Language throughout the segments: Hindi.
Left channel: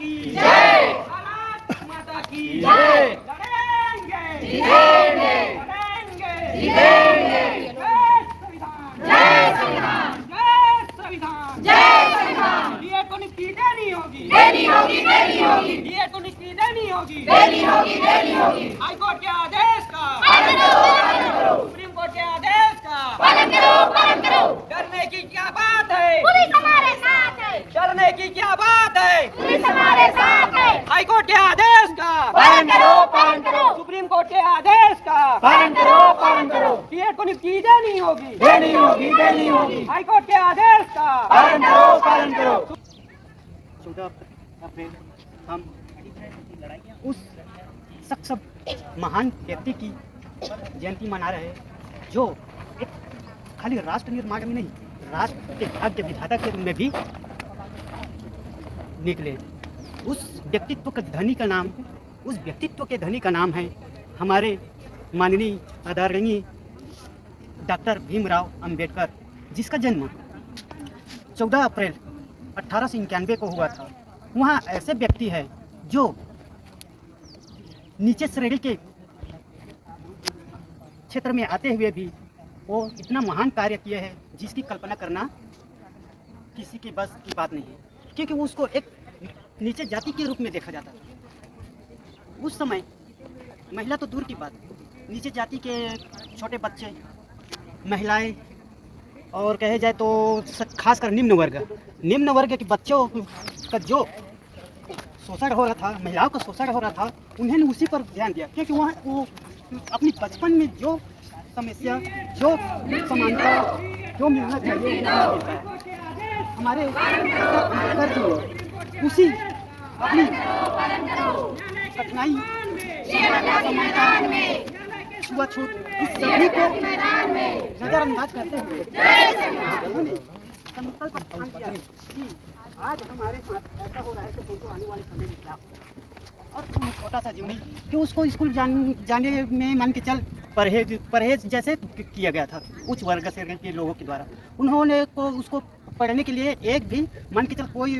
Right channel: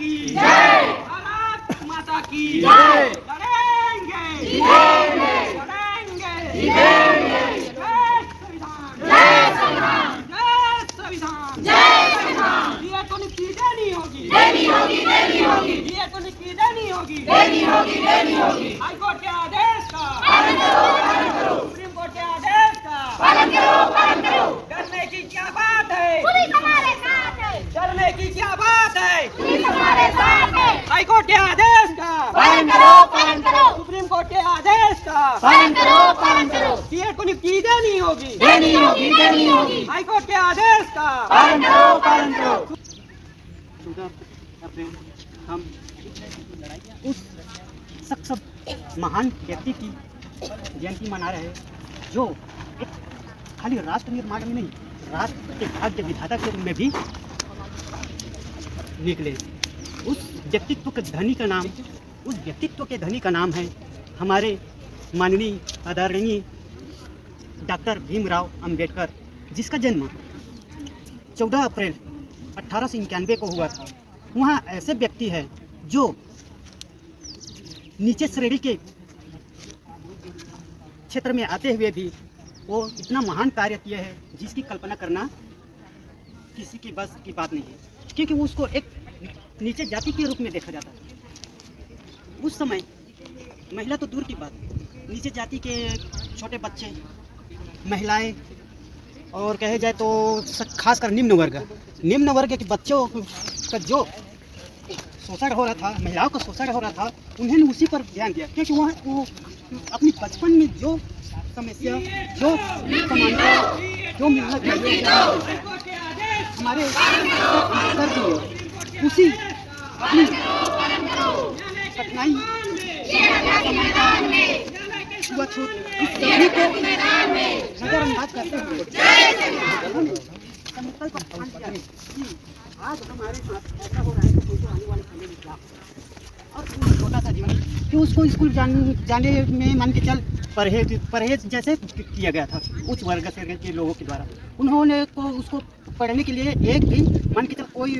की जय, भारत माता की जय। लड़ेंगे जीतेंगे, लड़ेंगे जीतेंगे। जय संविधान, जय संविधान, जय संविधान। ये तो नीति देनी होगी, देनी होगी, देनी होगी। ये तो नीति देनी होगी, देनी होगी, देनी होगी। हाई कोर्ट के आदेश का पालन करो, पालन करो। सुप्रीम कोर्ट के आदेश का पालन करो, पालन करो। डरने की क्या बात है, पुलिस हमारे साथ है। डरने की क्या बात है, पुलिस हमारे साथ है। हाई कोर्ट के आदेश का पालन करो, पालन करो। सुप्रीम कोर्ट के आदेश का पालन करो, पालन करो। सीएट को नियुक्ति देनी होगी, देनी होगी, देनी होगी। हाई कोर्ट के आदेश का पालन करो, पालन करो। हम उस शख्स महान व्यक्ति की जयंती मना रहे हैं जो एक खाली राष्ट्र निर्माण में नहीं, राष्ट्र के भाग्य विधाता के रूप में भी निकले। उस व्यक्तित्व के धनी का नाम, उस व्यक्तित्व के धनी का नाम है हमारे माननीय आदरणीय डॉक्टर भीमराव अंबेडकर, जिसका जन्म 14 अप्रैल 1891 को हुआ था। वहाँ ऐसे व्यक्ति हैं जो नीचे श्रेणी के क्षेत्र में आते हुए भी वो इतना महान कार्य किए हैं जिसकी कल्पना करना किसी के बस की बात नहीं है, क्योंकि उसको एक नीचे जाति के रूप में देखा जाता था। उस समय महिला तो दूर की बात, नीचे जाति के छोटे बच्चे, महिलाएं और कहे जाए तो खासकर निम्न वर्ग के बच्चों का जो शोषण हो रहा था, महिलाओं का शोषण हो रहा था, उन्होंने उसी पर ध्यान दिया, क्योंकि वो अपनी बचपन में जो समस्या, जो समानता, जो मिलना चाहिए हमारे अंबेडकर जी ने उसी अपनी कठिनाई, समानता, छुआछूत इस सभी को नजरअंदाज करते हुए आज हमारे साथ ऐसा हो रहा है कि आने वाले समय में और छोटा सा जीवन कि उसको स्कूल जाने में मान के चल परहेज जैसे किया गया था उच्च वर्ग से के लोगों के द्वारा। उन्होंने को उसको पढ़ने के लिए एक भी मान के चल कोई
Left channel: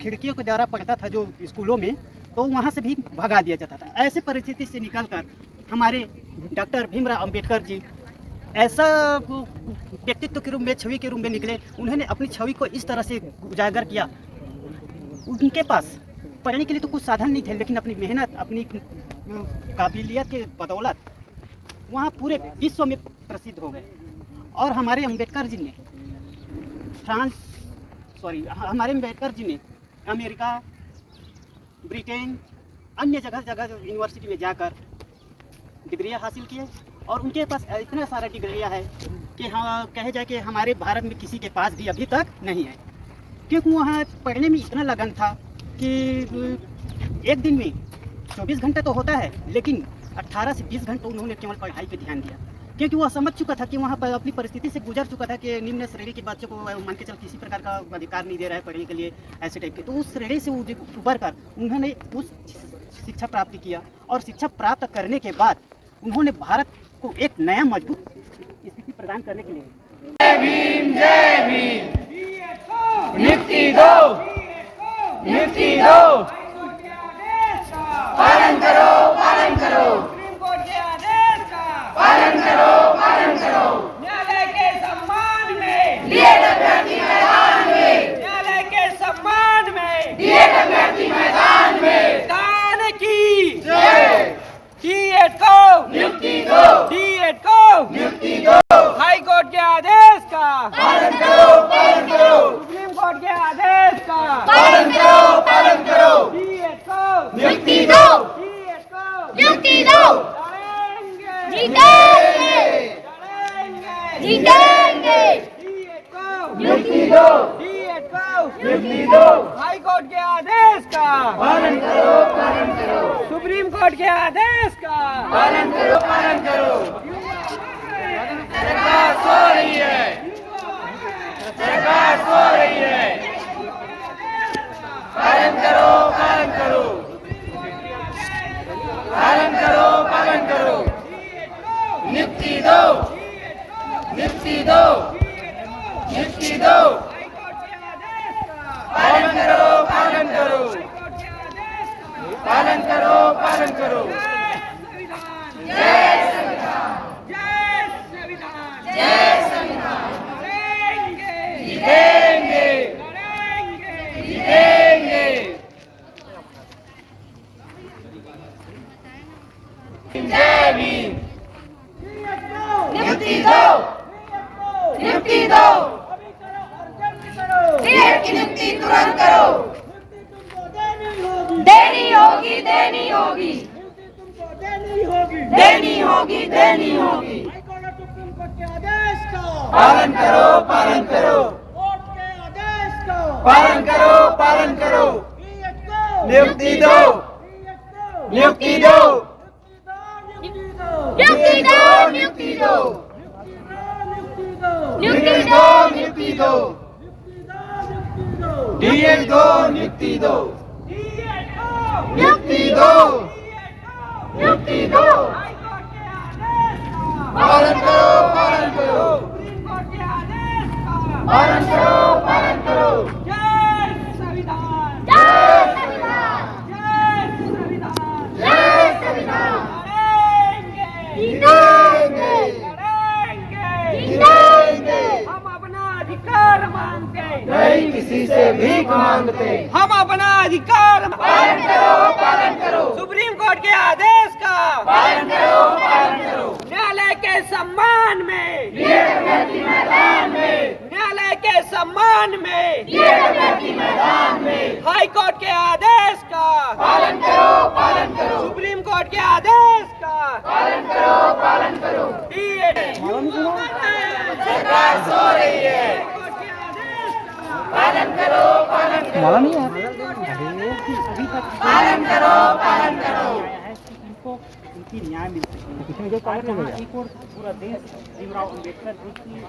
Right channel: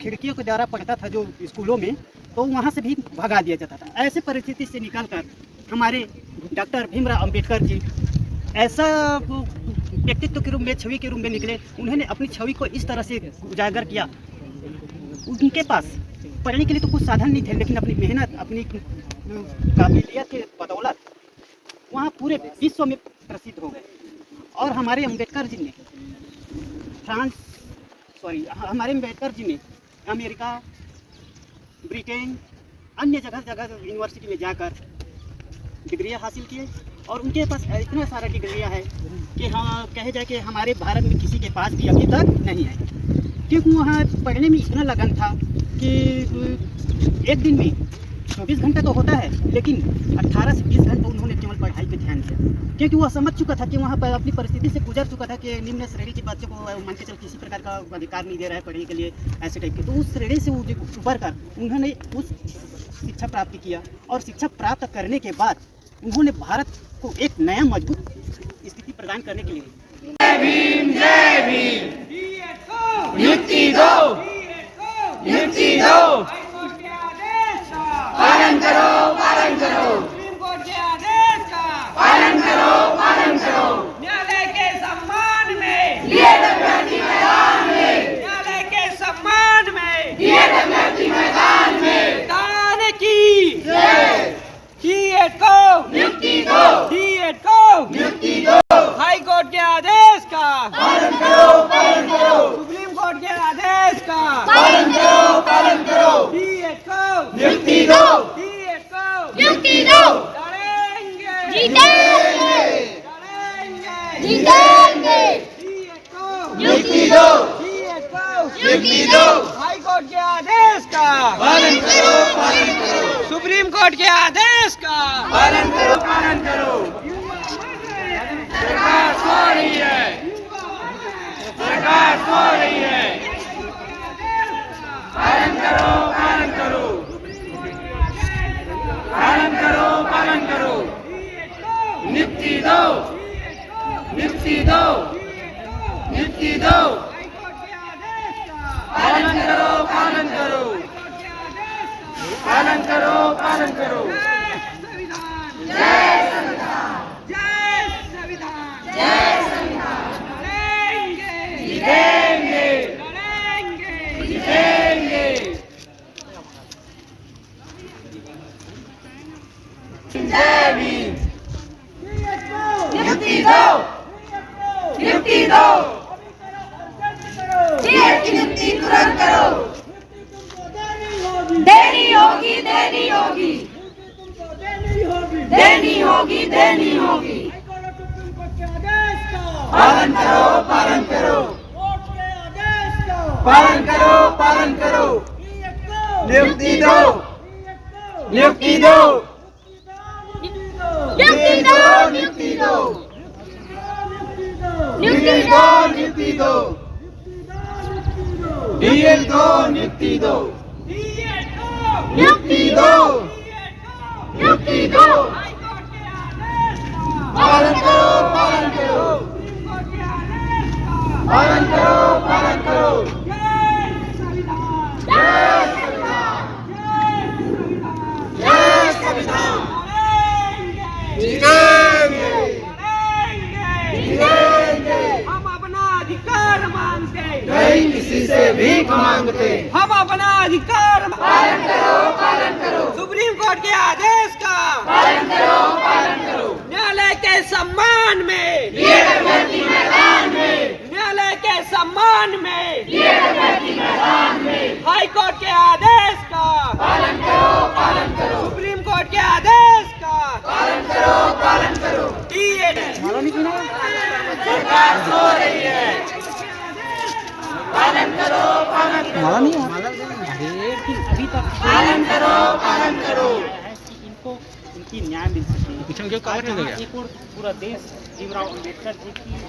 खिड़कियों के द्वारा पढ़ता था जो स्कूलों में, तो वहाँ से भी भगा दिया जाता था। ऐसे परिस्थिति से निकलकर हमारे डॉक्टर भीमराव अंबेडकर जी ऐसा व्यक्तित्व के रूप में, छवि के रूप में निकले। उन्होंने अपनी छवि को इस तरह से उजागर किया। उनके पास पढ़ने के लिए तो कुछ साधन नहीं थे, लेकिन अपनी मेहनत, अपनी काबिलियत के बदौलत वहाँ पूरे विश्व में प्रसिद्ध हो गए। और हमारे अंबेडकर जी ने हमारे अंबेडकर जी ने अमेरिका, ब्रिटेन, अन्य जगह यूनिवर्सिटी में जाकर डिग्रियाँ हासिल किए। और उनके पास इतना सारा डिग्रियाँ है कि हाँ कहे जाए कि हमारे भारत में किसी के पास भी अभी तक नहीं है, क्योंकि वहाँ पढ़ने में इतना लगन था कि एक दिन में 24 घंटे तो होता है, लेकिन 18 से 20 घंटे उन्होंने केवल पढ़ाई पे ध्यान दिया, क्योंकि वह समझ चुका था कि वहाँ पर अपनी परिस्थिति से गुजर चुका था कि निम्न श्रेणी के बच्चों को मान के चल किसी प्रकार का अधिकार नहीं दे रहा है पढ़ने के लिए, ऐसे टाइप के। तो उस श्रेणी से उभर कर उन्होंने उस शिक्षा प्राप्त किया, और शिक्षा प्राप्त करने के बाद उन्होंने भारत को एक नया मजबूत स्थिति प्रदान करने के लिए जय भीम, जय भीम, नियुक्ति दो, नियुक्ति दो, पालन करो, पालन करो, पालन करो, पालन करो। न्यायालय के सम्मान में दिए अभ्यर्थी मैदान में, न्यायालय के सम्मान में दिए अभ्यर्थी मैदान में, दान की जय, सीएट को नियुक्ति दो, सीएट को नियुक्ति दो, हाई कोर्ट के आदेश का पालन करो, पालन करो, सुप्रीम कोर्ट के आदेश का पालन करो, पालन करो, सीएट को नियुक्ति दो, सीएट को नियुक्ति दो, लड़ेंगे जीतेंगे, लड़ेंगे जीतेंगे, सीएट को नियुक्ति दो, सीएट को नियुक्ति दो, हाई कोर्ट के आदेश का पालन करो, पालन करो, सुप्रीम कोर्ट के आदेश का पालन करो, पालन करो। सरकार सो रही है, सरकार सो रही है, पालन करो, पालन करो, पालन करो, पालन करो, नियुक्ति दो, नियुक्ति दो, नियुक्ति दो, पालन करो, पालन करो। नियुक्ति तुरंत करो। देनी होगी, देनी होगी, देनी होगी, देनी होगी। पालन करो, पालन करो, पालन करो, पालन करो। नियुक्ति दो, नियुक्ति दो, नियुक्ति दो, नियुक्ति दो, नियुक्ति दो, नियुक्ति दो, डीएल दो, नियुक्ति दो, नियुक्ति दो, नियुक्ति दो। पालन करो, पालन करो, पालन करो, पालन करो। जय संविधान, जय संविधान, जय संविधान, जय संविधान। लड़ेंगे, जीतेंगे, लड़ेंगे, जीतेंगे। हम अपना अधिकार मांगते, नहीं किसी से भीख मांगते। हम अपना अधिकार पालन करो, पालन करो, सुप्रीम कोर्ट के आदेश का पालन करो, पालन करो। न्यायालय के सम्मान में, वीरगति मैदान में, न्यायालय के सम्मान में, वीरगति मैदान में। हाई कोर्ट के आदेश का पालन करो, पालन करो, सुप्रीम कोर्ट के आदेश का पालन करो, पालन करो। सरकार सो रही है, पालन करो, पालन करो, पालन करो, पालन करो। उनकी न्याय मिल सके। पूरा देश भीमराव अम्बेडकर जी की है,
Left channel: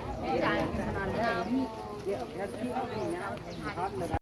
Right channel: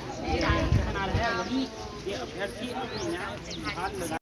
वही ये अभ्यर्थी अपनी न्याय